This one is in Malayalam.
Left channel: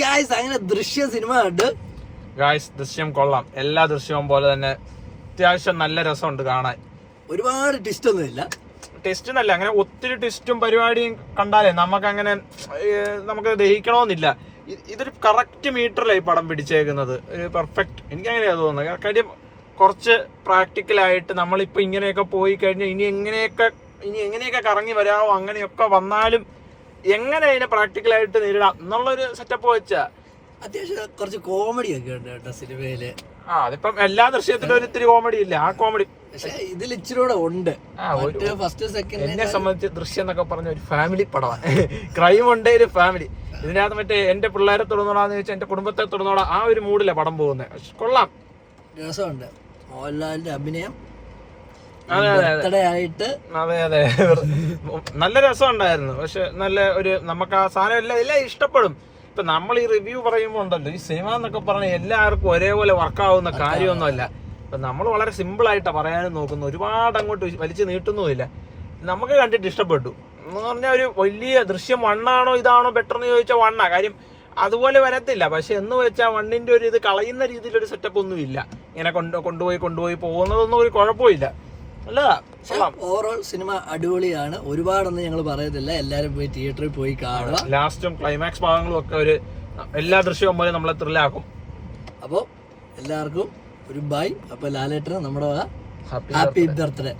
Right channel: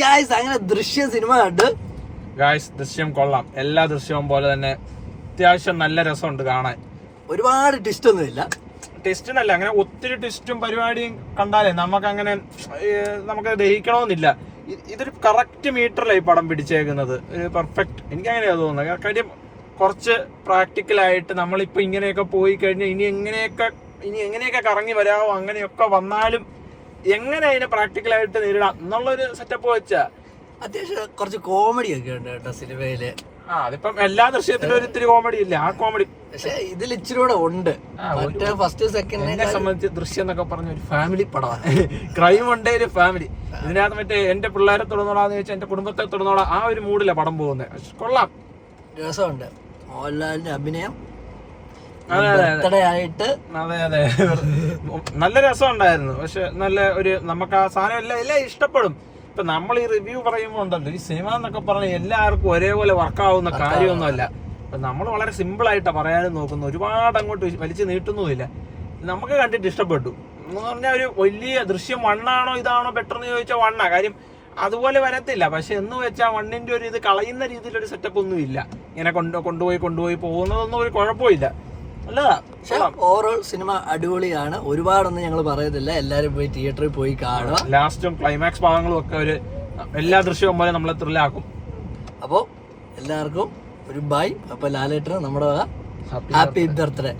ഗായ്സ് അങ്ങനെ ദൃശ്യം സിനിമ കണ്ട് ഗായ്സ് ദൃശ്യം കൊള്ളാം. എല്ലാ ദൃശ്യവും പോലെ തന്നെ അത്യാവശ്യം നല്ല രസമുണ്ട് കാണാൻ. ഒരുപാട് ട്വിസ്റ്റ് ഒന്നുമില്ല. ടെസ്റ്റിനല്ല, അങ്ങനെ ഒത്തിരി ട്വിസ്റ്റും പരിപാടിയും കണ്ടാലേ നമുക്ക് ദഹിക്കണമെന്നില്ല. ഇതൊരു കറക്റ്റ് മീറ്ററിലായി പടം പിടിച്ചേക്കുന്നത്. ഒരു പെർഫെക്റ്റ്, എനിക്ക് അങ്ങനെയാണ് തോന്നുന്നത്. കാര്യം കുറച്ച് പ്രാക്ടിക്കലായിട്ട് നമ്മളിപ്പോൾ ഇങ്ങനെയൊക്കെ പോയി കഴിഞ്ഞാൽ ഇനി എങ്ങനെയൊക്കെ കറങ്ങി വരാമോ, അങ്ങനെയൊക്കെ വന്നാലും എങ്ങനെ അതിനെ പ്രാക്ടിക്കലായിട്ട് നേരിടാം എന്നുള്ളൊരു സെറ്റപ്പ് വെച്ചാ അത്യാവശ്യം കുറച്ച് കോമഡി ഒക്കെ ഉണ്ട് കേട്ടോ സിനിമയില്. അതിപ്പം എല്ലാ ദൃശ്യത്തിലും ഒരു ഇത്തിരി കോമഡി ഇല്ല, ആ കോമഡി പക്ഷെ ഇതിൽ ഇച്ചിരി കൂടെ ഉണ്ട്. ഫസ്റ്റ് സെക്കൻഡ് എന്നെ സംബന്ധിച്ച് ദൃശ്യം എന്നൊക്കെ പറഞ്ഞ ഒരു ഫാമിലി പടമാണ്. ക്രൈം ഉണ്ട്, ഒരു ഫാമിലി. ഇതിനകത്ത് മറ്റേ എന്റെ പിള്ളേരെ തുടർന്നോളാന്ന് ചോദിച്ചാൽ എന്റെ കുടുംബത്തെ തുടർന്നോളാം, ആ ഒരു മൂഡില പടം പോകുന്നത്. കൊള്ളാം, രസമുണ്ട്. മോഹൻലാലിന്റെ അഭിനയം ആയിട്ട് അതെ നല്ല രസം ഉണ്ടായിരുന്നു. പക്ഷെ നല്ല ഒരു നമുക്ക് ആ സാധനം എല്ലാം ഇഷ്ടപ്പെടും. ഇപ്പൊ നമ്മൾ ഈ റിവ്യൂ പറയുമ്പോൾ ഉണ്ടല്ലോ, ഈ സിനിമ എന്നൊക്കെ പറഞ്ഞാൽ എല്ലാവർക്കും ഒരേപോലെ വർക്കാവുന്ന കാര്യമൊന്നുമല്ല. ഇപ്പൊ നമ്മൾ വളരെ സിമ്പിൾ ആയിട്ടാണ് പറയാനും നോക്കുന്നു, ഒരുപാട് അങ്ങോട്ട് വലിച്ചു നീട്ടുന്നുമില്ല. നമുക്ക് കണ്ടിട്ട് ഇഷ്ടപ്പെട്ടു എന്ന് പറഞ്ഞാൽ ഒരു വലിയ ദൃശ്യം വണ്ണാണോ ഇതാണോ ബെറ്റർ എന്ന് ചോദിച്ചാൽ വണ്ണാ. കാര്യം അതുപോലെ വരത്തില്ല, പക്ഷെ എന്ന് വെച്ചാൽ വണ്ണിന്റെ ഒരു ഇത് കളയുന്ന രീതിയിലൊരു സെറ്റപ്പ് ഒന്നും ഇല്ല. ഇങ്ങനെ കൊണ്ടുപോയി പോകുന്നതൊന്നും ഒരു കുഴപ്പമില്ല. ഓവറോൾ സിനിമ അടിപൊളിയാണ്. ഒരുപാടൊന്നും ഞങ്ങൾ പറയത്തില്ല, എല്ലാരും പോയി തിയേറ്ററിൽ പോയി കാണുക. ലാസ്റ്റും ക്ലൈമാക്സ് ഭാഗങ്ങളും ഒക്കെ എല്ലാ ദൃശ്യവും പോലെ നമ്മളെ ത്രില്ലാക്കും. അപ്പോൾ എല്ലാവർക്കും ഒരു ബൈ. അപ്പൊ ലാലേട്ടന് നമ്മുടെ ഹാപ്പി ബർത്ത്ഡേ.